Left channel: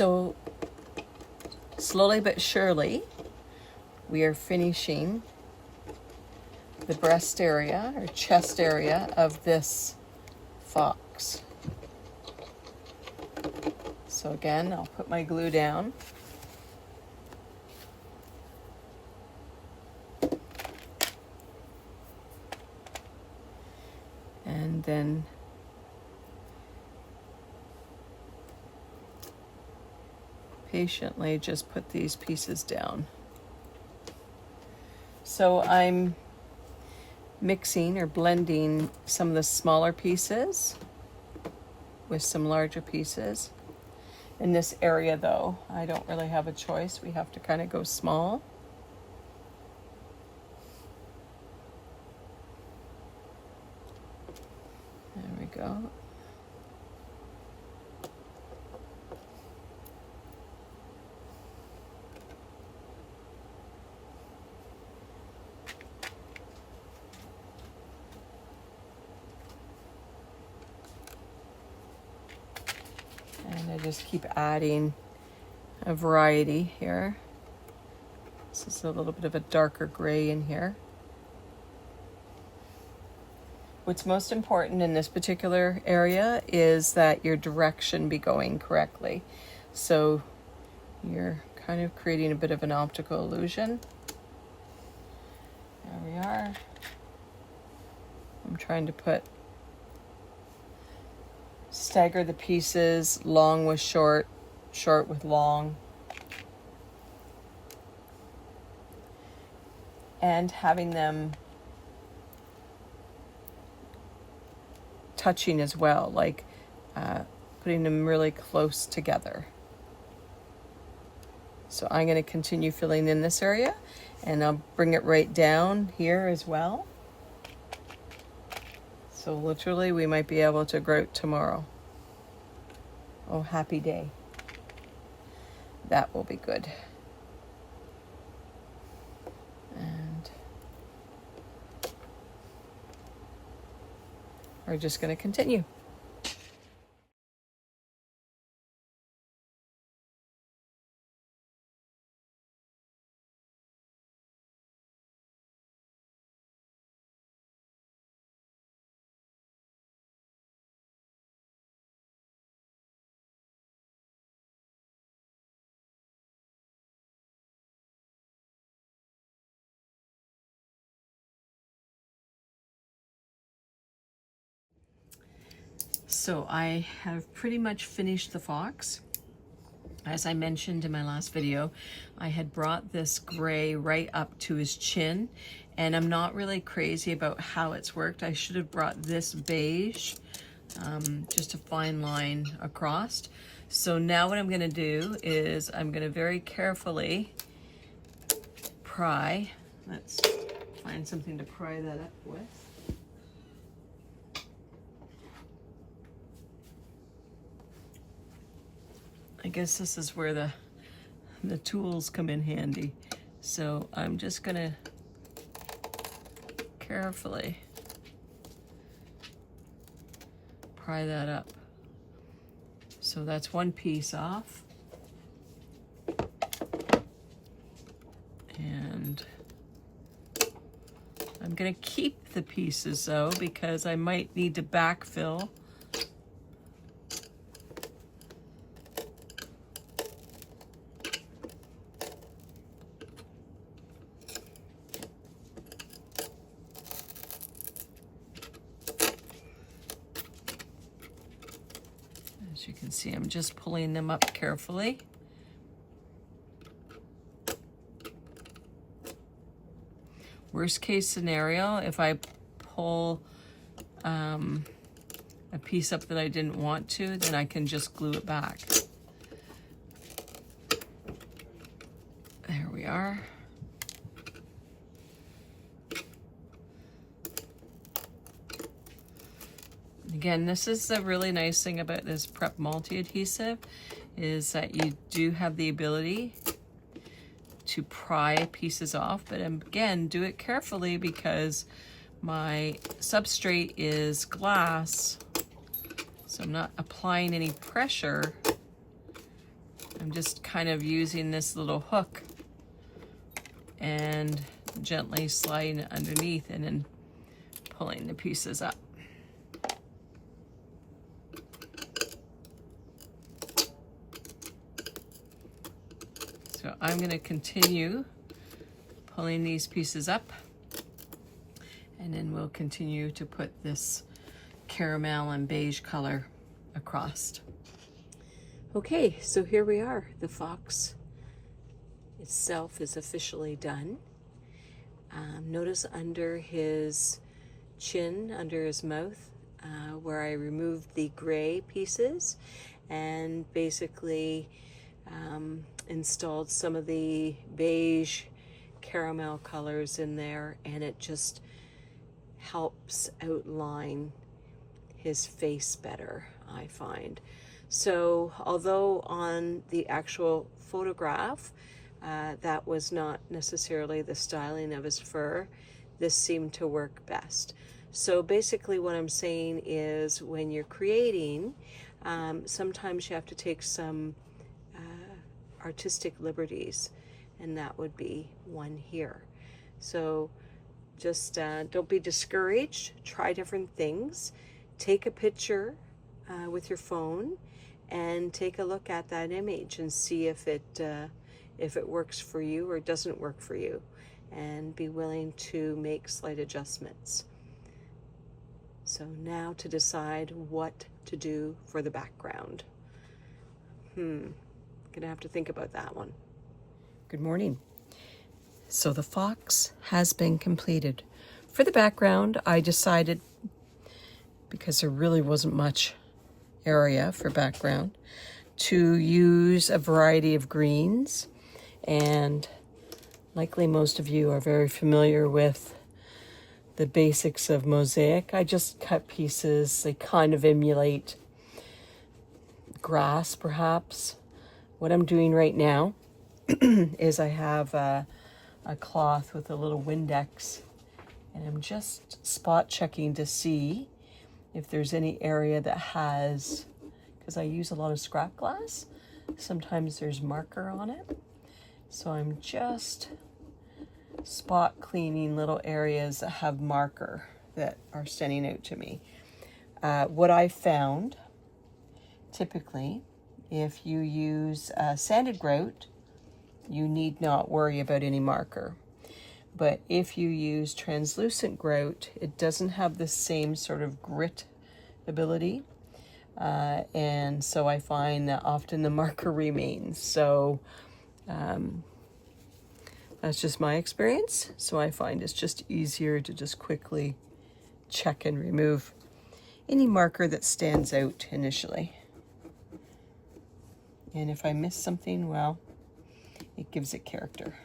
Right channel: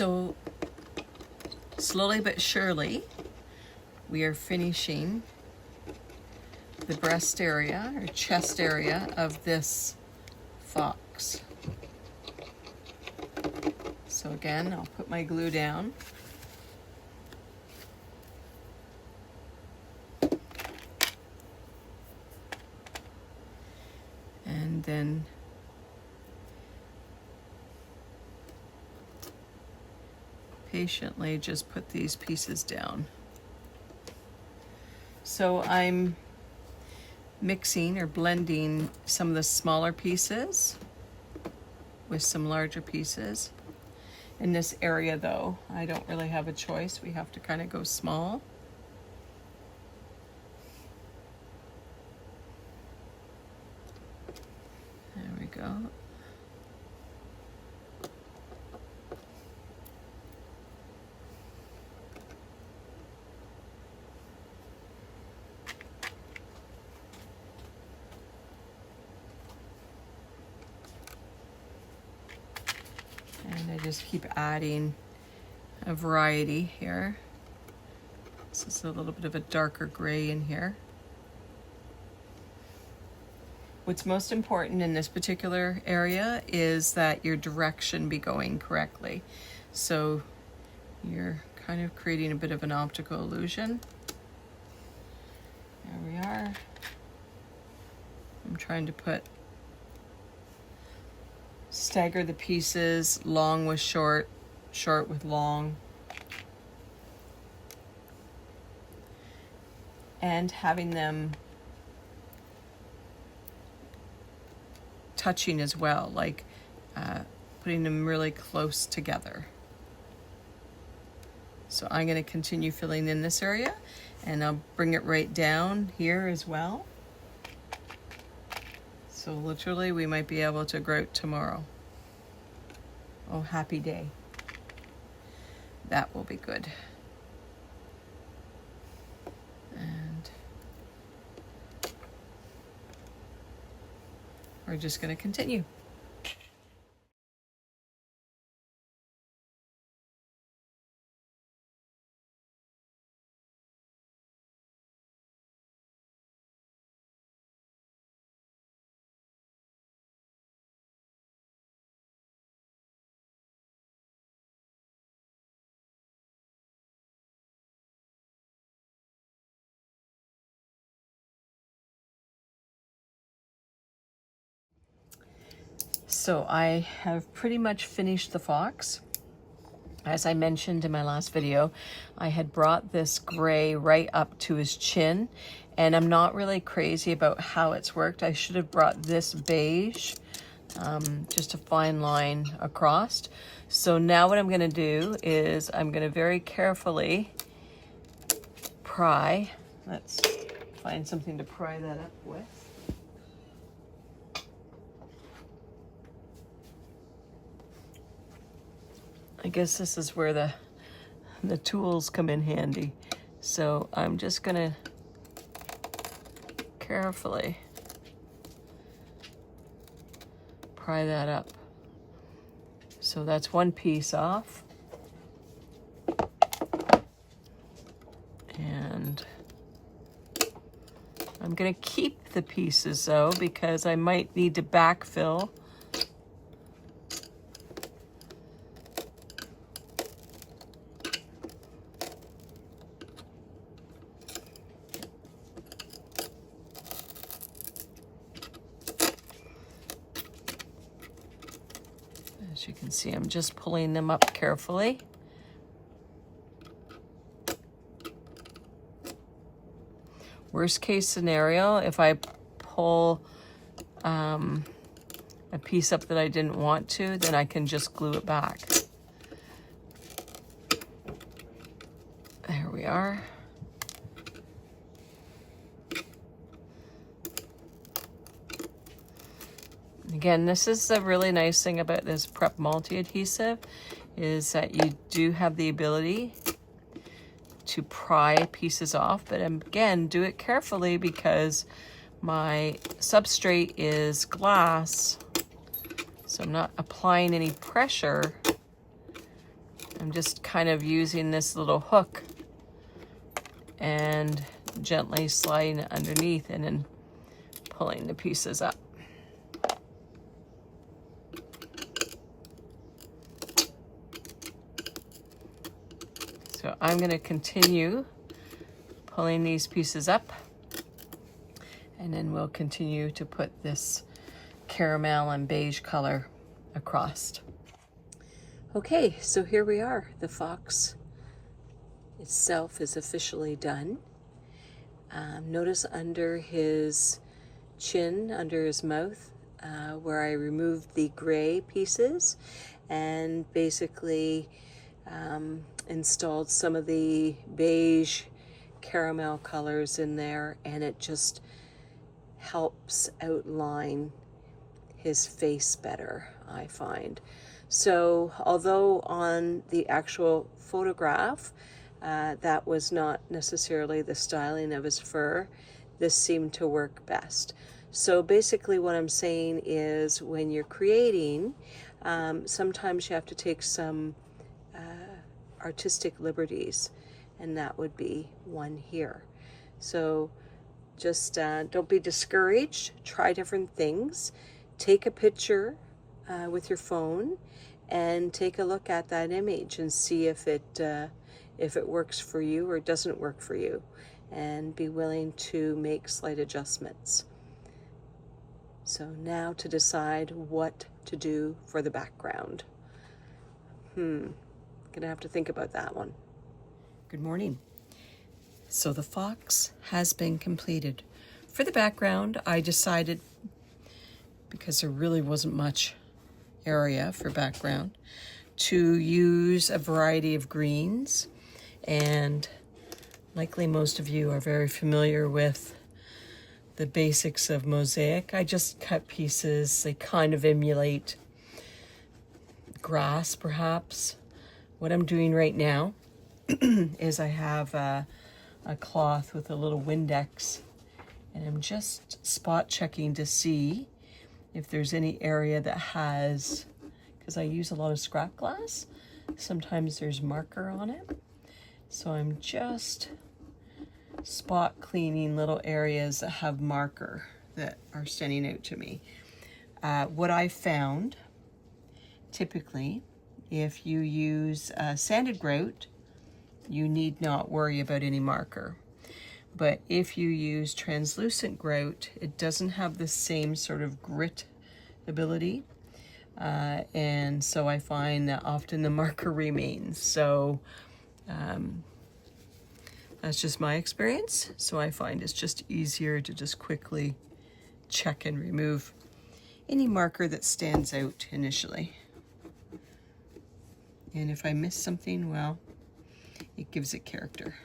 So slowly but surely, we are finishing the breast area or chest area of this fox. So again, I'll put my glue down. And then patiently just put these pieces down. So I'm mixing or blending some of the smaller pieces with some larger pieces. In this area though, I don't really have a choice. We have to kind of go small. There we go. And I just keep adding a variety here. This is a little bit of a darker gray in here. What's most important in this particular area is that your direction be going correctly. So you're kind of creating a bit of an optical illusion. There we are. I'm trying to stagger the pieces, long with short, short with long. And having them touching as well, like putting them really close together. So I'm going to continue filling in this area, and I'll bring it right down here as well. So literally we might be able to grout tomorrow. Oh, happy day. That will be good. And we're just going to continue. So I have pretty much finished the fox. As I mentioned in my last video, I had brought this gray right up to his chin, and I'm not really crazy about how it's worked. I should have brought this beige, just a fine line across. So now what I'm going to do is I'm going to very carefully pry. Let's find something to pry that up with. I guess this is where the tools come in handy. So I'm just gonna carefully pry that up. So that's one piece off. And I'm gonna keep the pieces though, because I might need to backfill. As you can see, I'm just pulling them up carefully. Worst case scenario, if I pull a piece up that I didn't want to, then I can just glue it back. There we are. Again, this is the really nice thing about this Prep multi-adhesive, is that you do have the ability to pry pieces off, but again, do it carefully because my substrate is glass, so I'm not applying any pressure I'm just kind of using this little hook and gently sliding it underneath and then pulling the pieces up. So I'm going to continue pulling these pieces up, and then we'll continue to put this caramel and beige color across. Okay, so here we are. The fox itself is officially done. Notice under his chin, under his mouth, where I removed the gray pieces and basically installed some of the beige caramel colors in there, and it just helps outline his face better, I find. So although on the actual photograph that was not necessarily the styling of his fur, this seemed to work best. So basically what I'm saying is, when you're creating, sometimes you have to take some artistic liberties, and that would be one here. So just don't be discouraged. Try different things. Take a picture with your phone and take a look at that image and see if it works for you or doesn't work for you, and be willing to make slight adjustments. So now to decide what to do for the background. Gonna have to think about that one. Good morning. So the fox has been completed. For the background, I decided, because there really wasn't much area for background, to use a variety of greens, and likely most of you are very familiar with the basics of mosaic. I just cut pieces. They kind of emulate grass, perhaps. What I'm doing right now is I have a cloth with a little Windex, and I'm just spot checking to see if there's any area that has, because I use a lot of scrap glass, sometimes there's marker on it. So I'm just spot cleaning little areas that have marker that are standing out to me. What I found, typically, if you use sanded grout, you need not worry about any marker. But if you use translucent grout, it doesn't have the same sort of grit ability. And so I find that often the marker remains. So that's just my experience. So I find it's just easier to just quickly check and remove any marker that stands out initially. And if I miss something, well, it gives it character.